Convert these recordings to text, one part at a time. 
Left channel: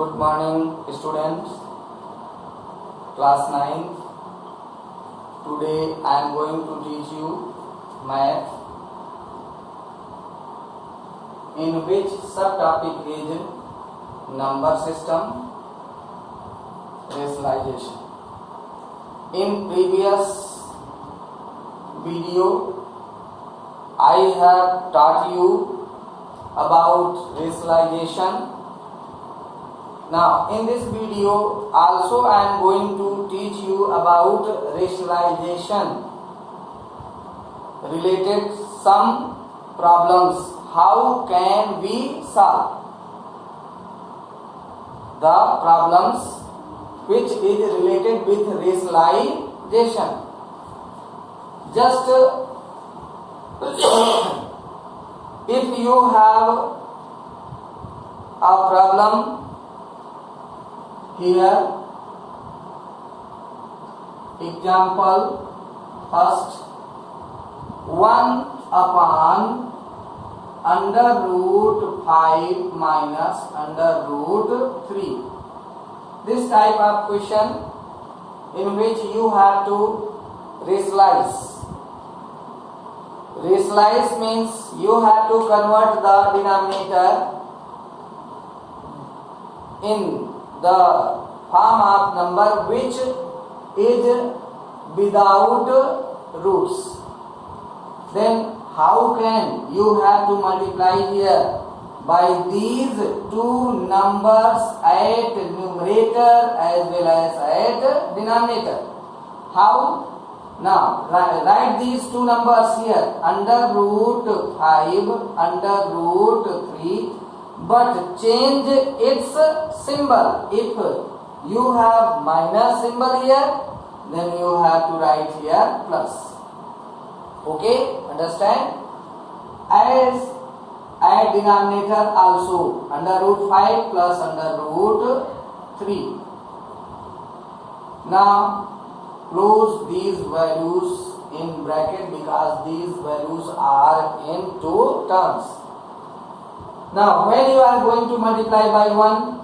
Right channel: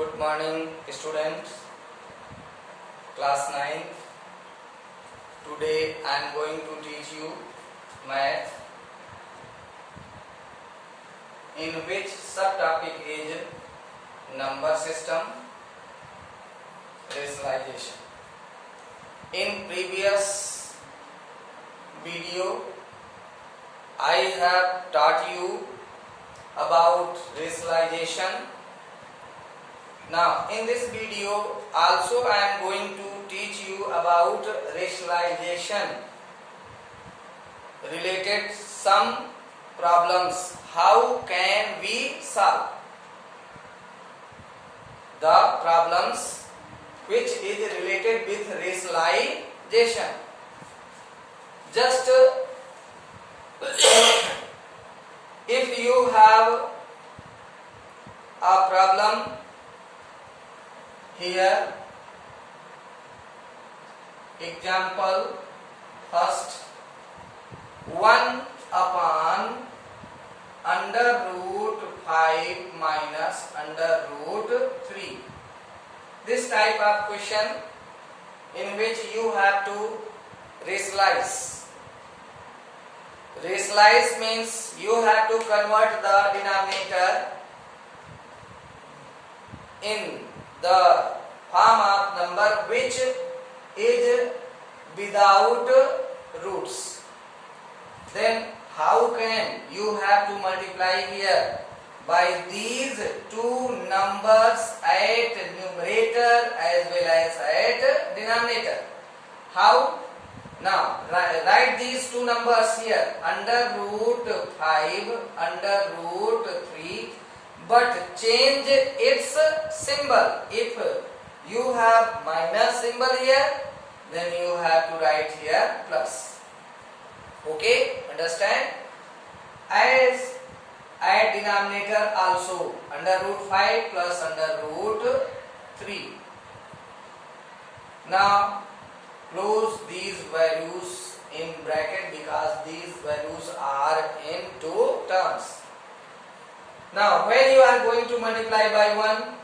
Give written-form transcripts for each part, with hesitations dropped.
Good morning, students. Class 9. Today I am going to teach you math, in which subtopic is number system rationalization. In previous video I have taught you about rationalization. Now in this video also I am going to teach you about rationalization related some problems. How can we solve the problems which is related with rationalization? Just if you have a problem here, example first, 1 upon under root 5 minus under root 3. This type of question in which you have to rationalize. Rationalize means you have to convert the denominator in the form of number which is without roots. Then how can you have to multiply here by these two numbers at numerator as well as at denominator? How? Now write these two numbers here, under root 5 under root 3, but change its symbol. If you have minus symbol here, then you have to write here plus. Okay, understand? As at denominator also, under root 5 plus under root 3. Now close these values in bracket because these values are in two terms. Now when you are going to multiply by 1,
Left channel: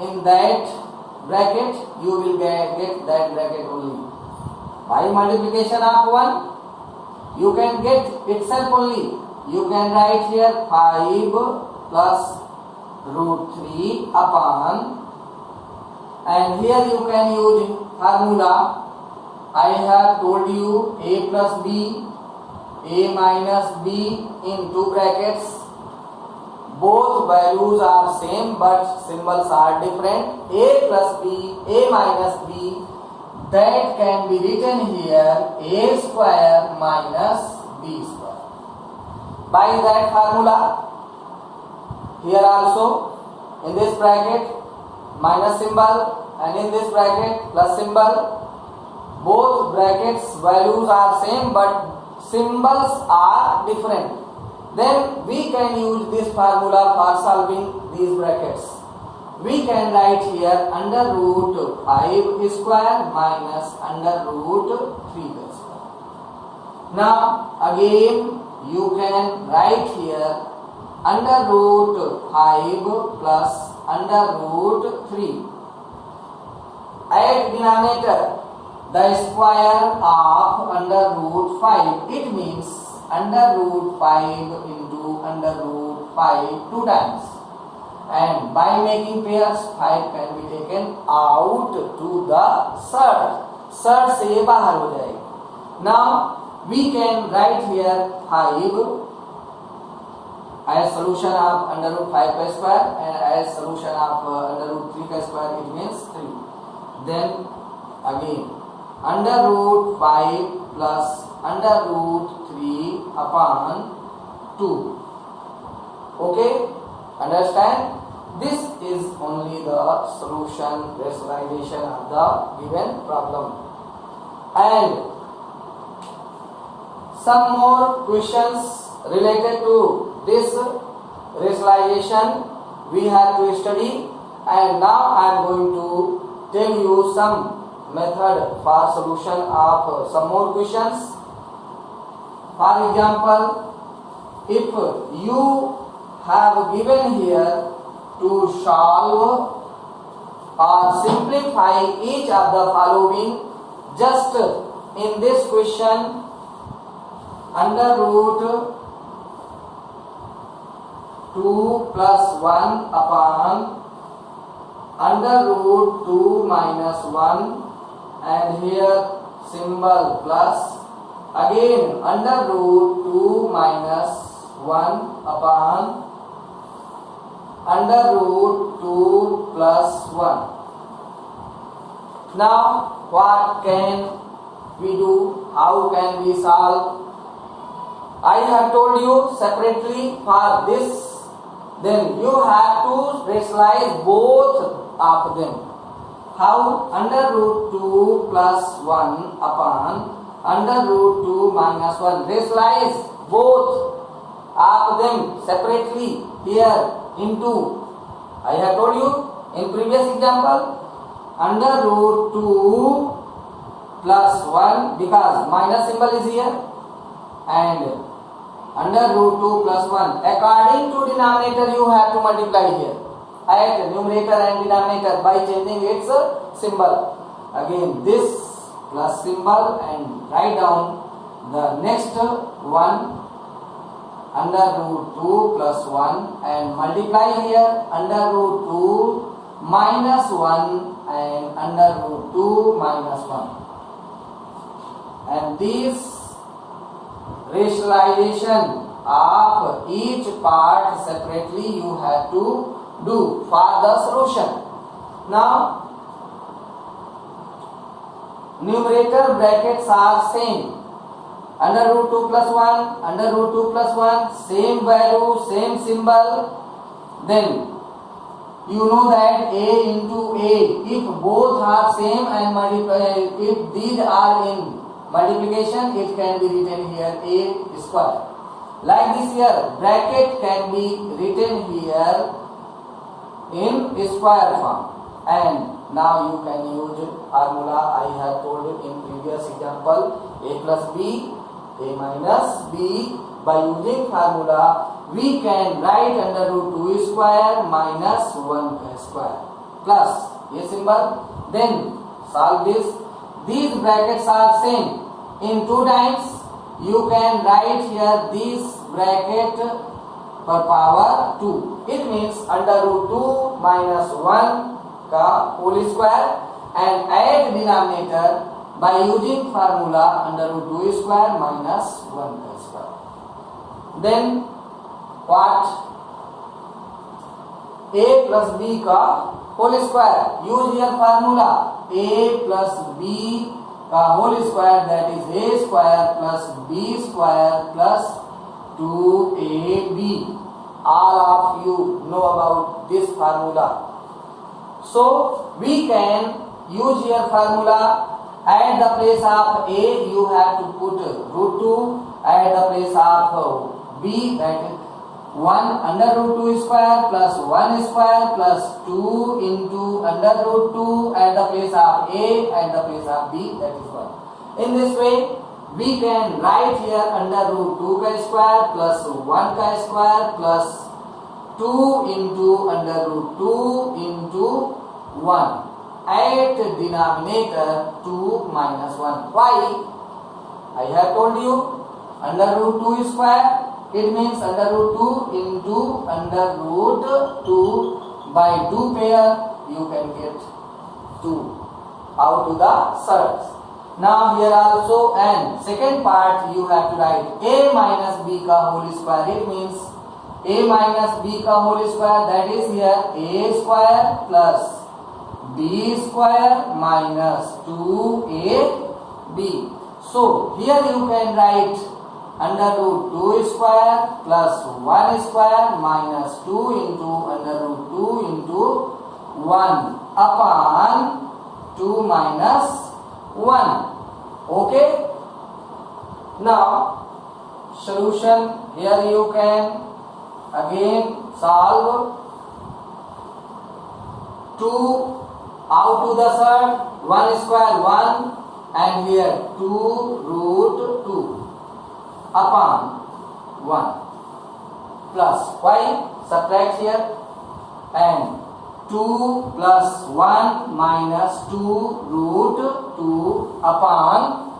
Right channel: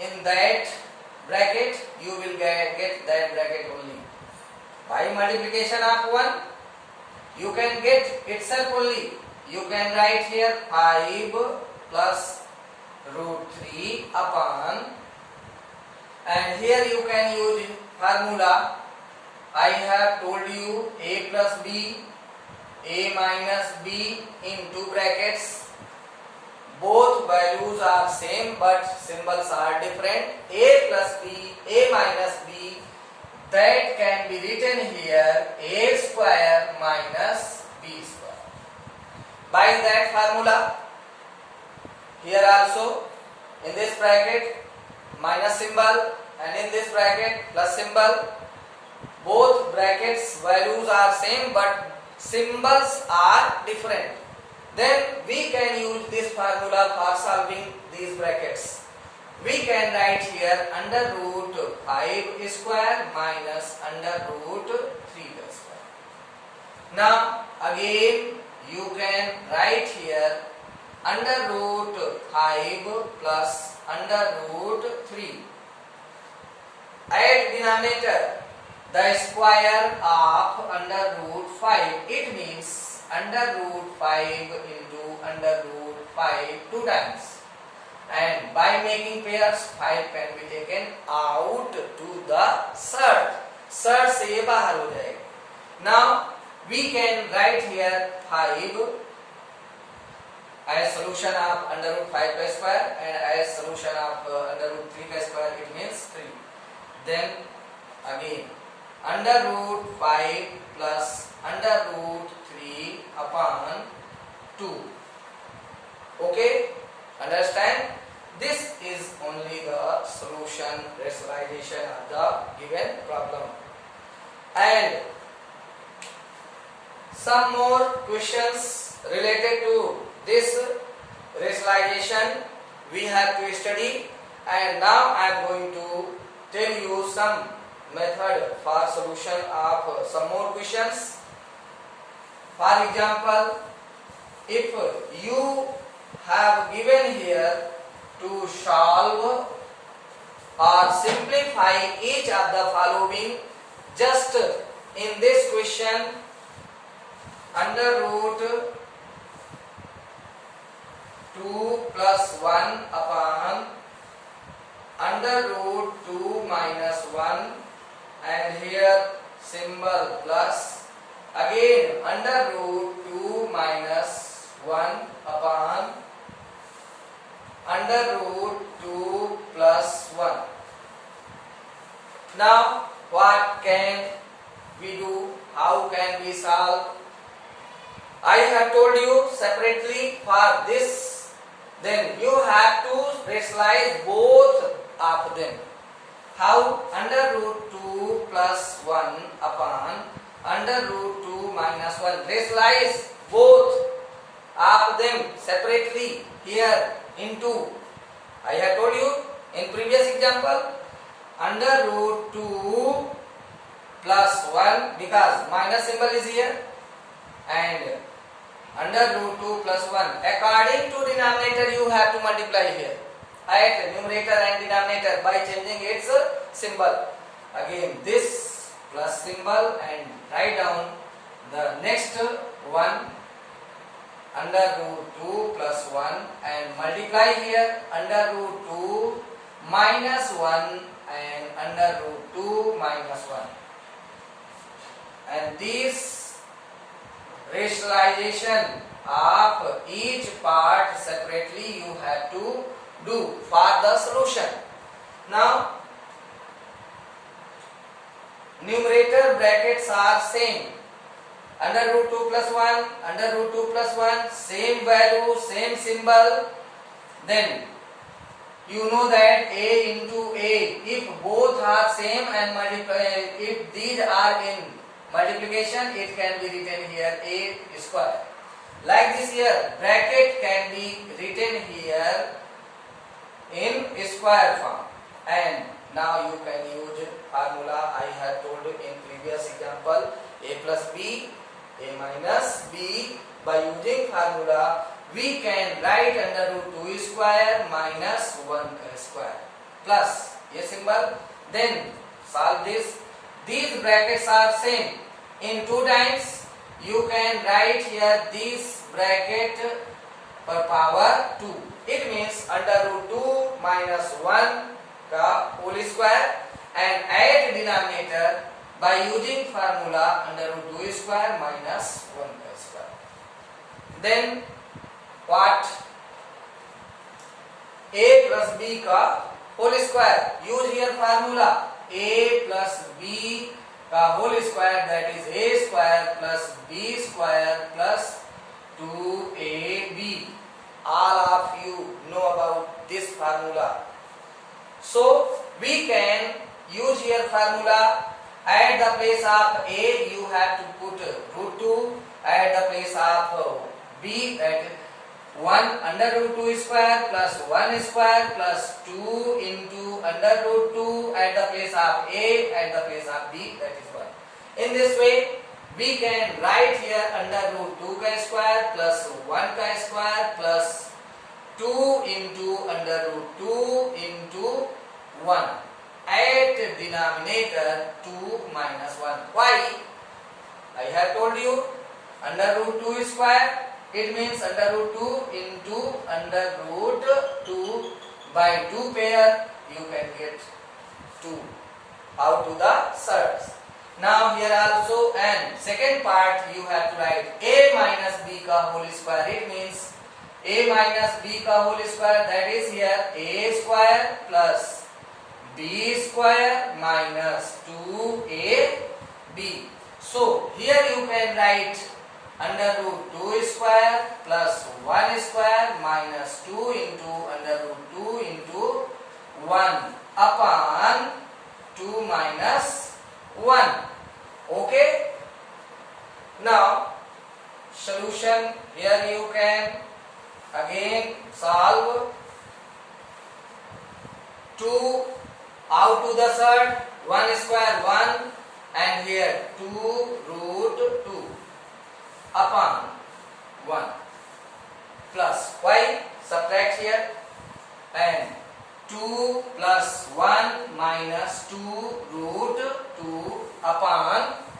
in that bracket you will get that bracket only. By multiplication of 1 you can get itself only. You can write here 5 plus root 3 upon, and here you can use formula. I have told you a plus b, a minus b in two brackets. Both values are same but symbols are different. A plus b, a minus b, that can be written here a square minus b square. By that formula, here also in this bracket minus symbol and in this bracket plus symbol. Both brackets values are same but symbols are different. Then we can use this formula for solving these brackets. We can write here under root 5 square minus under root 3 square. Now again you can write here under root 5 plus under root 3. At denominator the square of under root 5, it means under root 5 into under root 5 two times, and by making pairs 5 can be taken out to the third से ये बाहर हो जाएगा. Now we can write here 5 as solution of under root 5 square and as solution of under root 3 square, it means 3. Then again under root 5 plus under root 3 upon 2. Okay, understand? This is only the solution rationalization of the given problem. And some more questions related to this rationalization we have to study, and now I am going to tell you some method for solution of some more questions. For example, if you have given here to solve or simplify each of the following. Just in this question, under root 2 plus 1 upon under root 2 minus 1, and here symbol plus, again under root 2 minus 1 upon under root 2 plus 1. Now what can we do? How can we solve? I have told you separately for this, then you have to rationalize both of them. How? Under root 2 plus 1 upon under root 2 minus 1. Rationalize both of them separately here into. I have told you in previous example, under root 2 plus 1, because minus symbol is here, and under root 2 plus 1. According to denominator, you have to multiply here at numerator and denominator by changing its symbol. Again this plus symbol, and write down the next one under root 2 plus 1, and multiply here under root 2 minus 1 and under root 2 minus 1. And this rationalization of each part separately you have to do for the solution. Now numerator brackets are same. Under root 2 plus 1, under root 2 plus 1, same value, same symbol. Then you know that a into a, if both are same and multiply, if these are in multiplication, it can be written here a square. Like this here, bracket can be written here in square form. And now you can use formula I have told you in previous example, a plus b, a minus b. By using formula, we can write under root 2 square minus 1 square plus a symbol. Then solve this. These brackets are same. In 2 times you can write here this bracket per power 2. It means under root 2 minus 1 ka whole square, and add denominator by using formula under root 2 square minus 1 square. Then what? A plus b ka whole square. Use here formula a plus b ka whole square, that is a square plus b square plus 2ab. All of you know about this formula. So we can use here formula. At the place of a you have to put root 2. At the place of b, that is 1 under root 2 square plus 1 square plus 2 into under root 2 at the place of a, at the place of b, that is 1. In this way we can write here under root 2 ka square plus 1 ka square plus 2 into under root 2 into 1. At denominator 2 minus 1. Why? I have told you under root 2 square, it means under root 2 into under root 2 by 2 pair you can get 2 out to the surds. Now here also, and second part you have to write a minus b ka whole square. It means a minus b ka whole square, that is here a square plus b square minus 2ab. So here you can write under root 2 square plus 1 square minus 2 into under root 2 into 1 upon 2 minus 1. Okay. Now solution, here you can again solve 2 out to the third, 1 square 1, and here 2 root 2 upon 1 plus y, subtract here, and 2 plus 1 minus 2 root 2 upon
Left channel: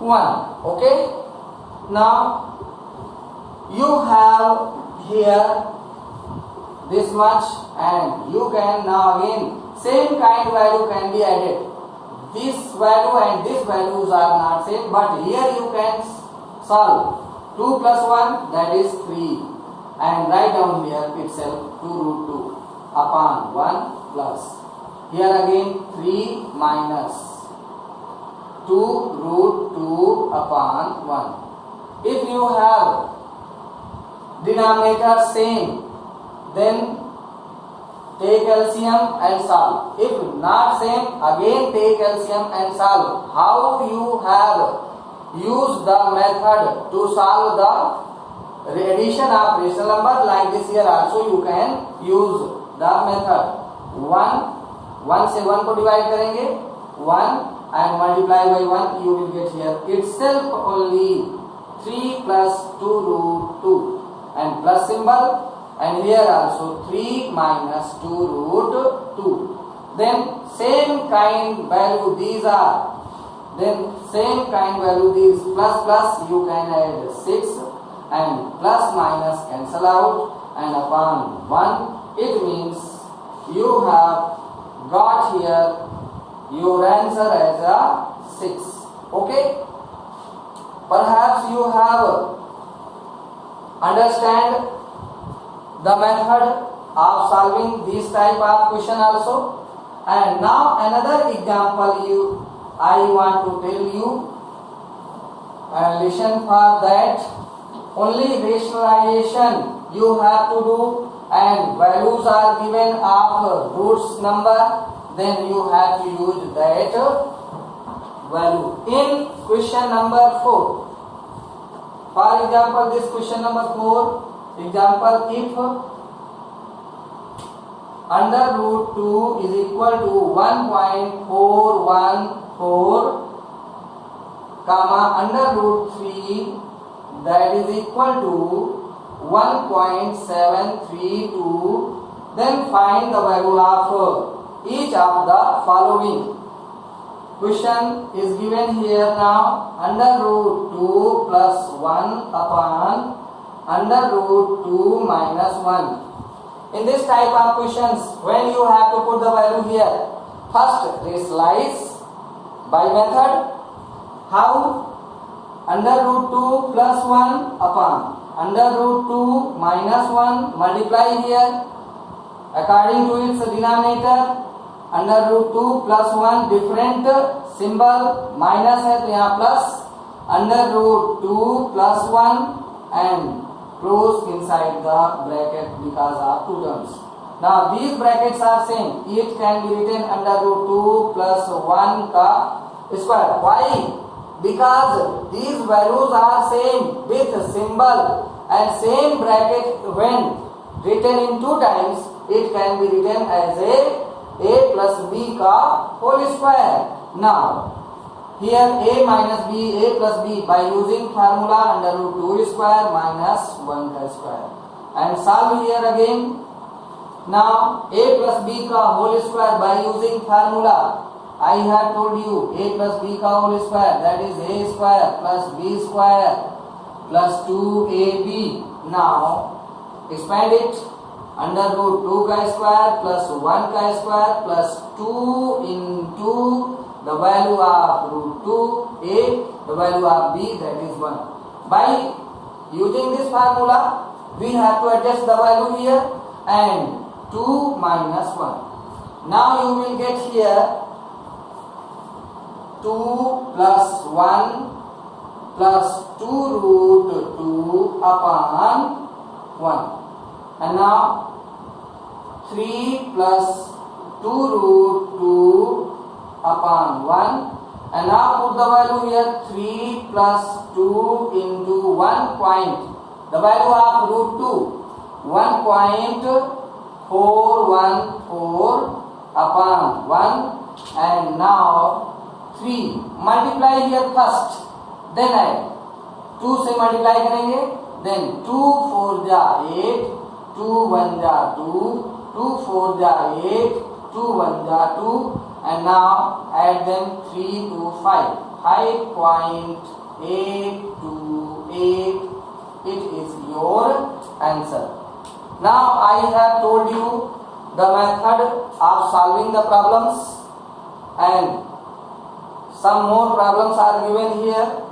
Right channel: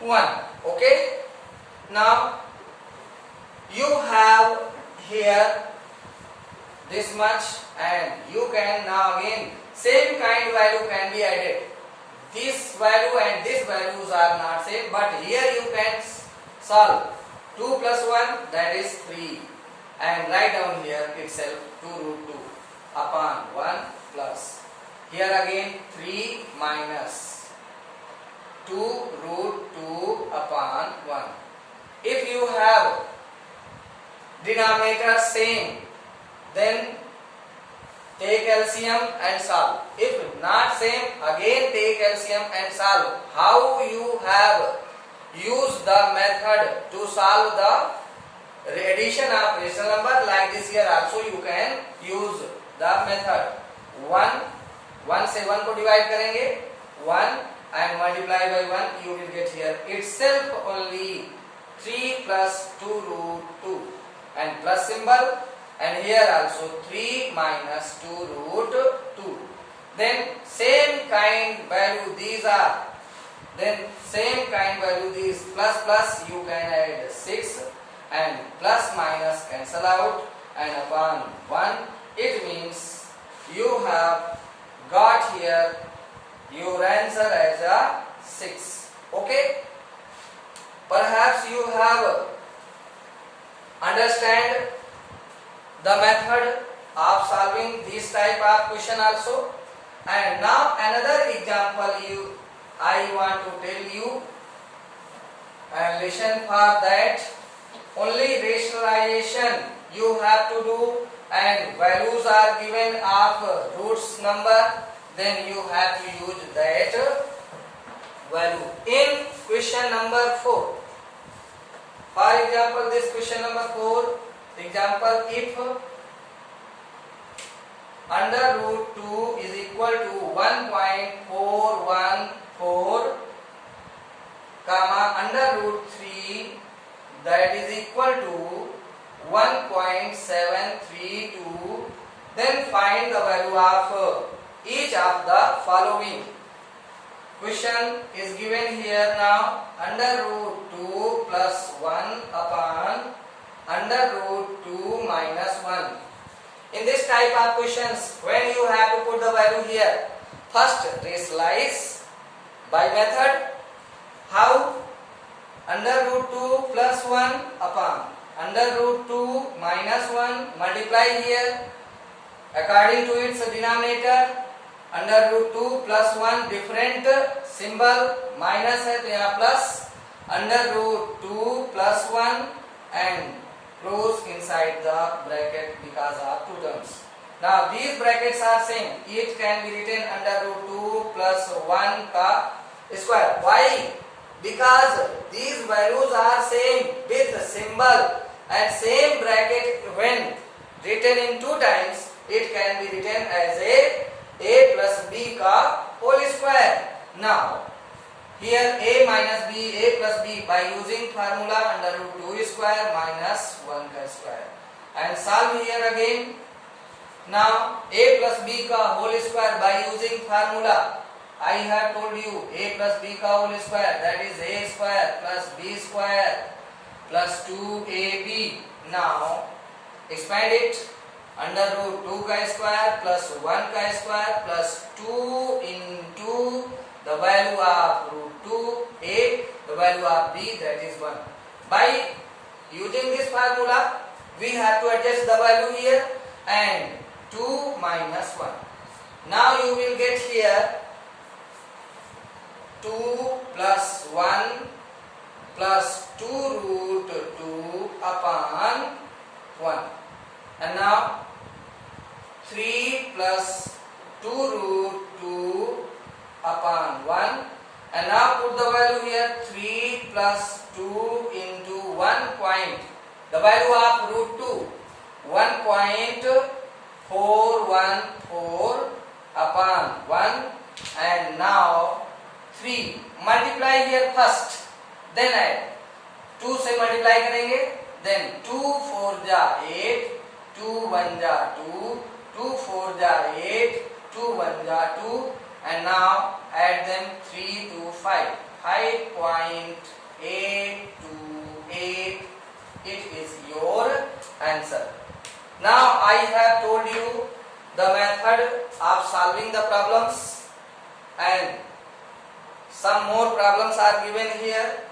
1. Okay. Now you have here this much, and you can now again same kind value can be added. This value and this values are not same, but here you can solve 2 plus 1, that is 3, and write down here itself 2 root 2 upon 1 plus here again 3 minus 2 root 2 upon 1. If you have denominator same, then take LCM and solve. If not same, again take LCM and solve. How you have used the method to solve the addition of rational number, like this here also you can use the method. 1 से 1 को divide करेंगे 1 and multiply by 1, you will get here itself only 3 plus 2 root 2 and plus symbol, and here also 3 minus 2 root 2. Then same kind value these are, then same kind value these, plus plus you can add 6 and plus minus cancel out and upon 1, it means you have got here your answer as a 6. Okay, perhaps you have understand the method of solving this type of question also. And now another example I want to tell you, and listen for that. Only rationalization you have to do, and values are given of roots number, then you have to use that value. In question number 4, for example, this question number 4, example, if under root 2 is equal to 1.414 comma under root 3 that is equal to 1.732, then find the value of each of the following. Question is given here now, under root 2 plus 1 upon under root 2 minus 1. In this type of questions, when you have to put the value here, first rationalize by method. How? Under root 2 plus 1 upon under root 2 minus 1, multiply here according to its denominator. Under root 2 plus 1 different symbol, minus है तो यहाँ plus, under root 2 plus 1 and close inside the bracket because of two terms. Now these brackets are same, it can be written under root 2 plus 1 का square. Why? Because these values are same with symbol, and same bracket when written in two times, it can be written as a plus b का whole square. Now here a minus b, a plus b by using formula under root 2 square minus 1 का square, and solve here again. Now a plus b का whole square by using formula. I have told you a plus b का whole square, that is a square plus b square plus 2ab. Now expand it, under root 2 का square plus 1 का square plus 2 into the value of root 2 a, the value of b, that is 1. By using this formula, we have to adjust the value here, and 2 minus 1. Now you will get here 2 plus 1 plus 2 root 2 upon 1. And now 3 plus 2 root 2 upon 1. And now put the value here, 3 plus 2 into 1 point. The value of root 2, 1.414 upon 1. And now 3. Multiply here first, then add. 2 से multiply करेंगे, then 2 4 जा 8, 2 1 जा 2, 2 4 ja 8, 2 1 ja 2, and now add them 3 to 5. 5.828. It is your answer. Now I have told you the method of solving the problems, and some more problems are given here.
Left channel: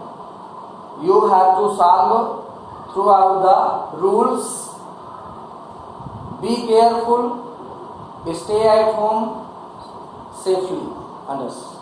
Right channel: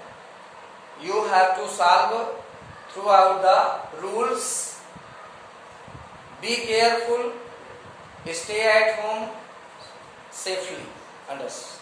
You have to solve throughout the rules. Be careful. Stay at home safely. Understand?